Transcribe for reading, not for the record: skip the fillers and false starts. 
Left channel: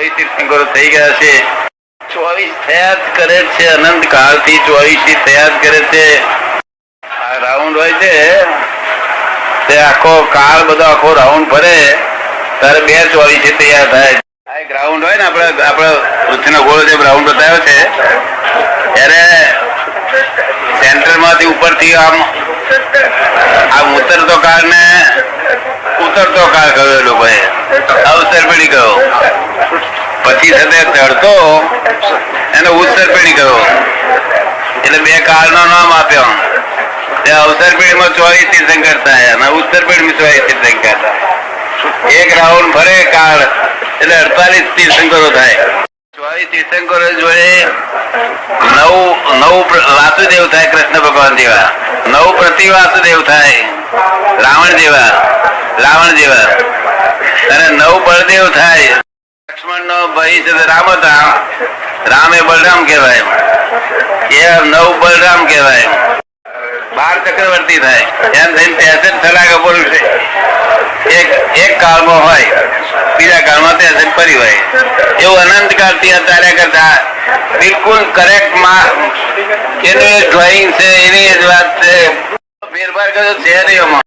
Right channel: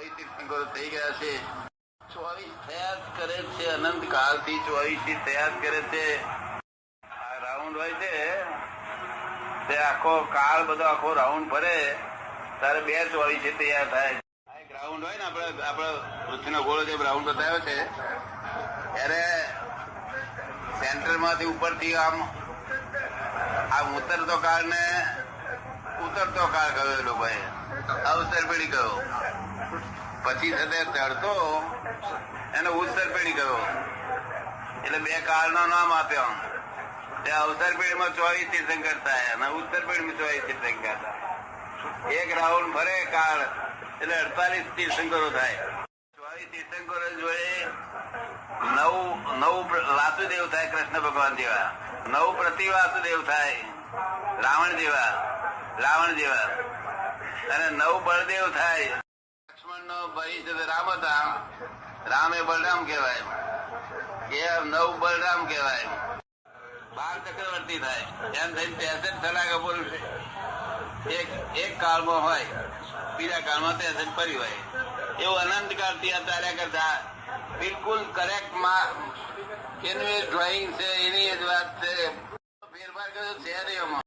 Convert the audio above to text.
24 તીર્થંકરો થઈ ગયા છે. 24 થયા જ કરે છે. અનંત કાળથી 24 થયા જ કરે છે. આ રાઉન્ડ હોય છે તે આખો કાળ બધો આખો રાઉન્ડ ફરે ત્યારે 24 તૈયાર થાય. આ એક રાઉન્ડ હોય ને આપણે પૃથ્વીનો ગોળો જે રાઉન્ડ બતાવ્યો છે ત્યારે સેન્ટરમાંથી ઉપરથી આમ ઉતરતો કાળ ને ઉતરતો કાળ કહ્યો એ લોકોએ, અવસર પેઢી કહ્યો. પછી સાથે ચડતો એને ઉત્તર પેઢી કહ્યો. એટલે બે કાળ નું નામ આપ્યો. અવસર પેઢીમાં 24 તીર્થંકર થાય અને ઉત્તર પેઢીમાં 24 તીર્થંકર થાય. એક રાઉન્ડ ફરે કાળ એટલે 48 તીર્થંકરો થાય. 24 તીર્થંકરો જોડે નવ વાસુદેવ થાય, કૃષ્ણ ભગવાન જેવા. 9 પ્રતિ વાસુદેવ થાય, રાવણ જેવા અને 9 બળદેવ થાય. લક્ષ્મણ નો ભાઈ છે રામ હતા, રામ એ બલરામ કહેવાય. એ 9 બલરામ કહેવાય. 12 ચક્રવર્તી થાય. એમ થઈને 63 સલાહ પુરુષ એક કાળમાં હોય, બીજા કાળમાં 63 ફરી હોય. એવું અનંત કાળથી ચાલ્યા કરતા બિલકુલ કરેક્ટ એનું ડ્રોઈંગ છે, એની જ વાત છે. ફેરફાર કર્યો છે નહીં.